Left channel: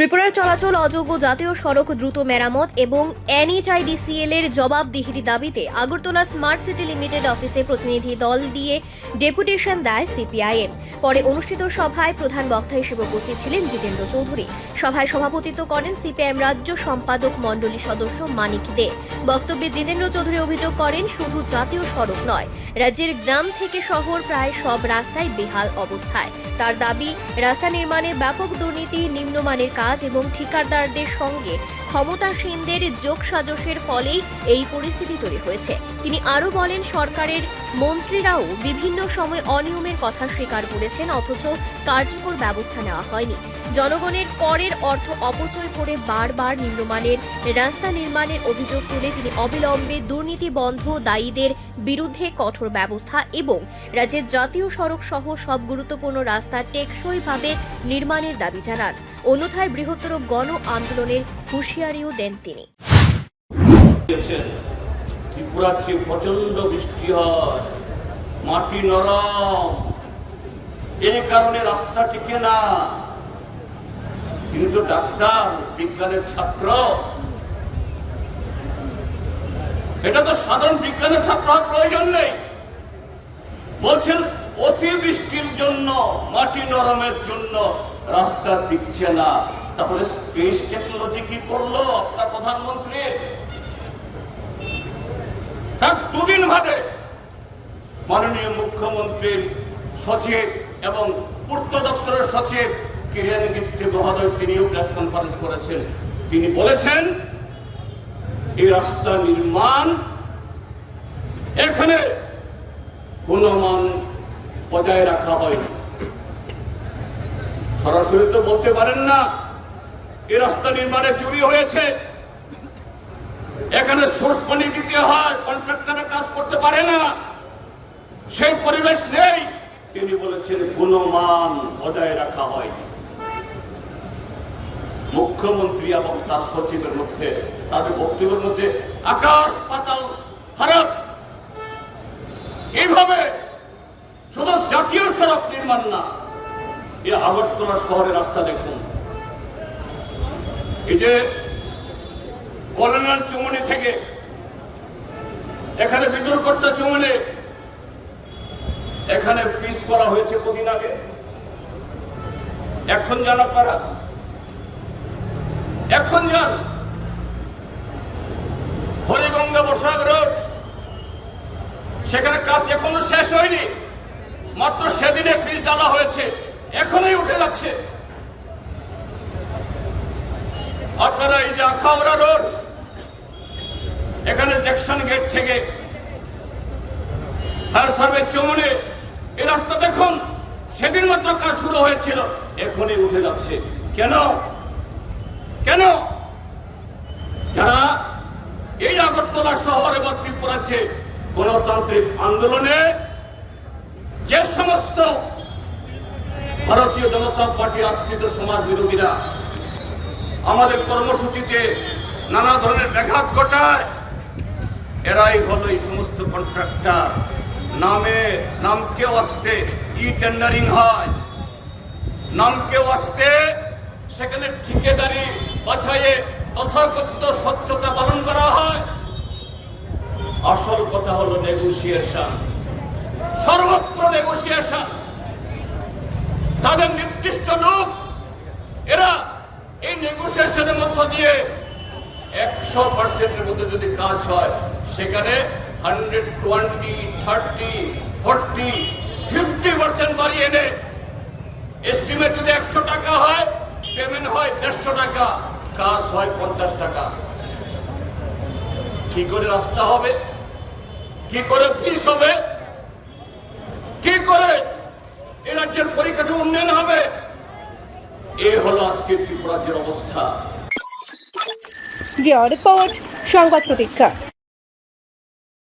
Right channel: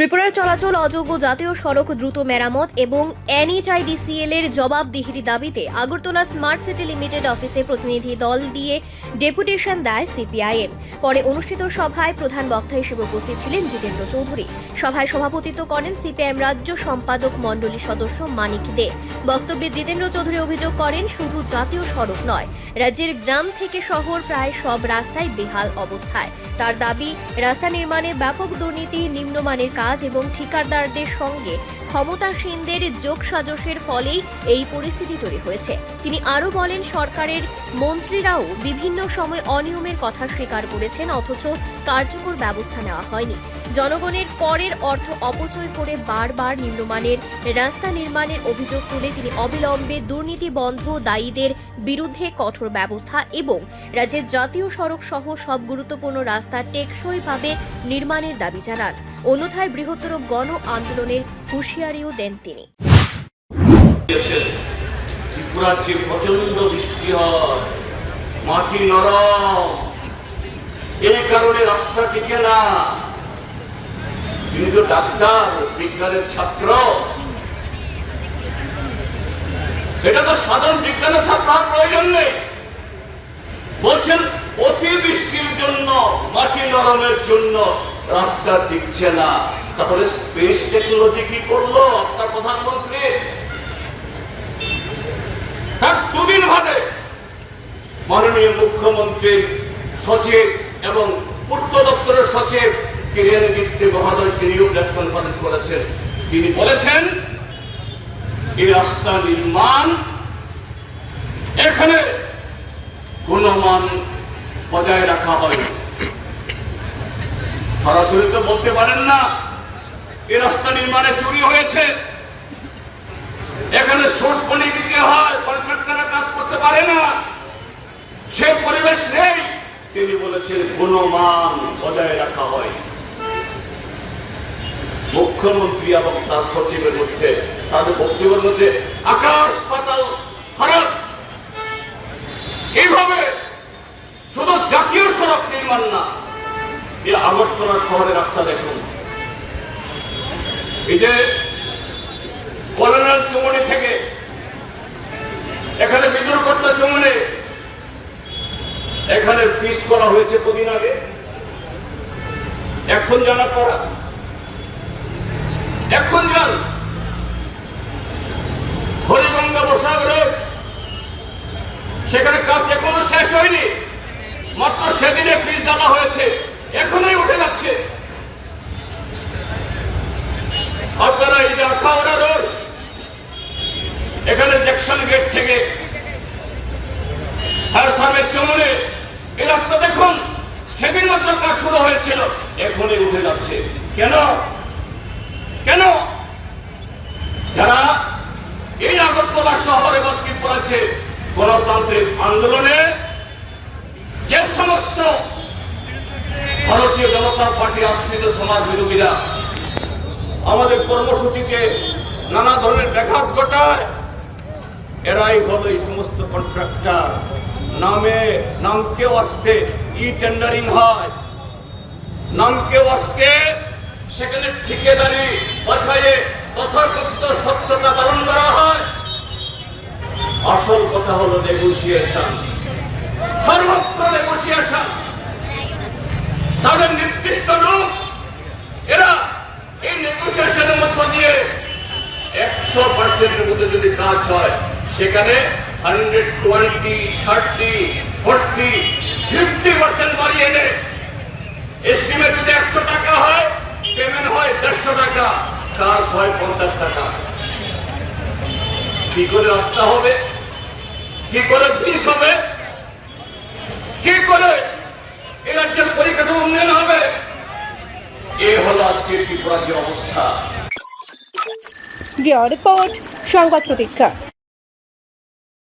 ত্রিপুরার চলাচল অযোগ্য জাতীয় সড়ক দ্রুত মেরামত এবং NHIDCL এর জবাবদিহির দাবিতে আগরতলা স্মার্ট সিটি লিমিটেড অফিসে প্রতিনিধি দল দিয়ে ডেপুটেশন দেয় সিপিআইএম। পরে অনুষ্ঠিত সভায় প্রধান বক্তা হিসেবে উপস্থিত ছিলেন জিতেন্দ্র চৌধুরী। সভায় সভাপতিত্ব করেন সিপিআইএম রাজ্য সম্পাদক মণ্ডলী সদস্য মানিক দে। বক্তব্যে জিতেন্দ্র চৌধুরী অভিযোগ করেন, শুধু জাতীয় সড়ক নয়, রাজ্যের গ্রাম থেকে শহর প্রায় সব রাস্তায় বেহাল অবস্থায়। তার দাবি, রাস্তা নির্মাণে ব্যাপক দুর্নীতি, নিম্নমানের কাজ এবং ঠিকাদারদের সঙ্গে ক্ষমতাসীনদের যোগসাজশের ফলেই এই পরিস্থিতি তৈরি হয়েছে। তিনি আরও বলেন, সরকারের মন্ত্রীরাও বিভিন্ন সময় অনিয়মের কথা স্বীকার করেছেন, অথচ কার্যকর ব্যবস্থা নেওয়া হয়নি। জনগণের করের অর্থ অপচয় করে বারবার নিম্নমানের রাস্তা নির্মাণের অভিযোগ তুলে তিনি অবিলম্বে দুর্নীতি বন্ধ, দায়ীদের বিরুদ্ধে কঠোর ব্যবস্থা এবং রাজ্যের জাতীয় সড়ক সহ সব গুরুত্বপূর্ণ রাস্তা টেকসইভাবে নির্মাণের দাবি জানান। অন্যথায় বৃহত্তর গণ আন্দোলনের হুঁশিয়ারিও দেন তিনি। ত্রিপুরাতে প্রচন্ড বৃষ্টি হয়, মাটি নরম, এই কারণে রাস্তা টিকে না। তিনি তো ডাক্তার, বিজ্ঞানের ছাত্র, এটা তো সাধারণ বিজ্ঞানের ছাত্র হওয়ার প্রয়োজন নেই। বলছেন অতি বৃষ্টির জন্য, মাটি নরমের জন্য রাস্তা টিকছে না। তারপরে স্পেস টেকনোলজি কি করলো আপনার প্রধানমন্ত্রী? তার দুদিন বাদে মাননীয় মুখ্যমন্ত্রীর সচিব এবং পূর্ত দপ্তরের সচিব কিরেন গিত্তি মহোদয় তিনিও প্রেস কনফারেন্স করেছেন। তিনি বলেছেন, এই রাস্তা নির্মাণ এখানে গুণমান বজায় রাখা হয়। সরাসরি তো বলতে পারেন না এই রাস্তা নির্মাণে চুরি হয়েছে, এখানে সোর্স পানি দিতে হয়, কন্ট্রাক্টররা কাজ করতে পারে না, সে পরিবেশ নেই। তিনি বলেছেন গুণমান বজায় রাখা হয়। মুখ্যমন্ত্রী এবং তার সচিবের মধ্যে, তাদের বক্তব্যের মধ্যে আকাশ পাতাল ফারাক। এইভাবে শুধু জাতীয় সড়ক নির্মাণ না, এই আগরতলা শহরের রাস্তা দেখুন। এই যে কলোনিয়াল চৌমনি থেকে এখানে বিতর্কতা চৌমনি, এখানে পিচ করা হয়েছে কদিন আগে, এখন জানা করা, এখন যান হরিগঙ্গা বসাক রোড, সেখানে কাজ এখনো শেষ হয়নি, মাত্র সেদিনে পিচ ডালা হয়েছে, এখনই উঠে যাচ্ছে। আপনারা এই যে আখাউড়া রোড, এখানে জ্যাকসন গেট থেকে ফায়ার সার্ভিস চৌমনি, এই রাস্তা দেখুন, সেদিন মাত্র কাজ শুরু হয়েছিল, এখনই উঠে যাচ্ছে। কেন? কেন? যারা এই আগরতলা শহর এবং ত্রিপুরাতে গণতান্ত্রিক আন্দোলনে যে সমস্ত ভারতীয় জনতা পার্টি আশ্রিত সমাজ বিরোধীরা আমাদের কর্মসূচিতে নানা ধরনের ব্যাঘাত ঘটায়, এরাই হলো এই সমস্ত কন্ট্রাক্টর। নামকেও আসতে ই টেন্ডারিং হয়, নামকেও আসতে সেখানে ঠিকাদারি বাছাইয়ে তথাকথিত স্বচ্ছতা পালন করা হয়। আসল কথা হলো নেগোসিয়েশন, সর্বত্র নেগোসিয়েশন। তাদের নির্দিষ্ট লোক, এরা এই নেগোসিয়েশনের মধ্য দিয়ে 100%-এর মধ্যে যদি কাজ হয়, সেখানে 120, 30, 40, 50% বাড়িয়ে দেয়। এস্টিমেট যদি 100 টাকা হয়, পেমেন্ট হয় 150 টাকা, কাজ হয় 50 টাকা। কি করে রাস্তা হবে? কি করে ব্রিজ হবে? কি করে এই রাজ্যের পরিকাঠামো উন্নয়ন হবে? এ হলো আজকের ত্রিপুরার যে অবস্থা। রিপোর্ট সংবাদ প্রতীক্ষা।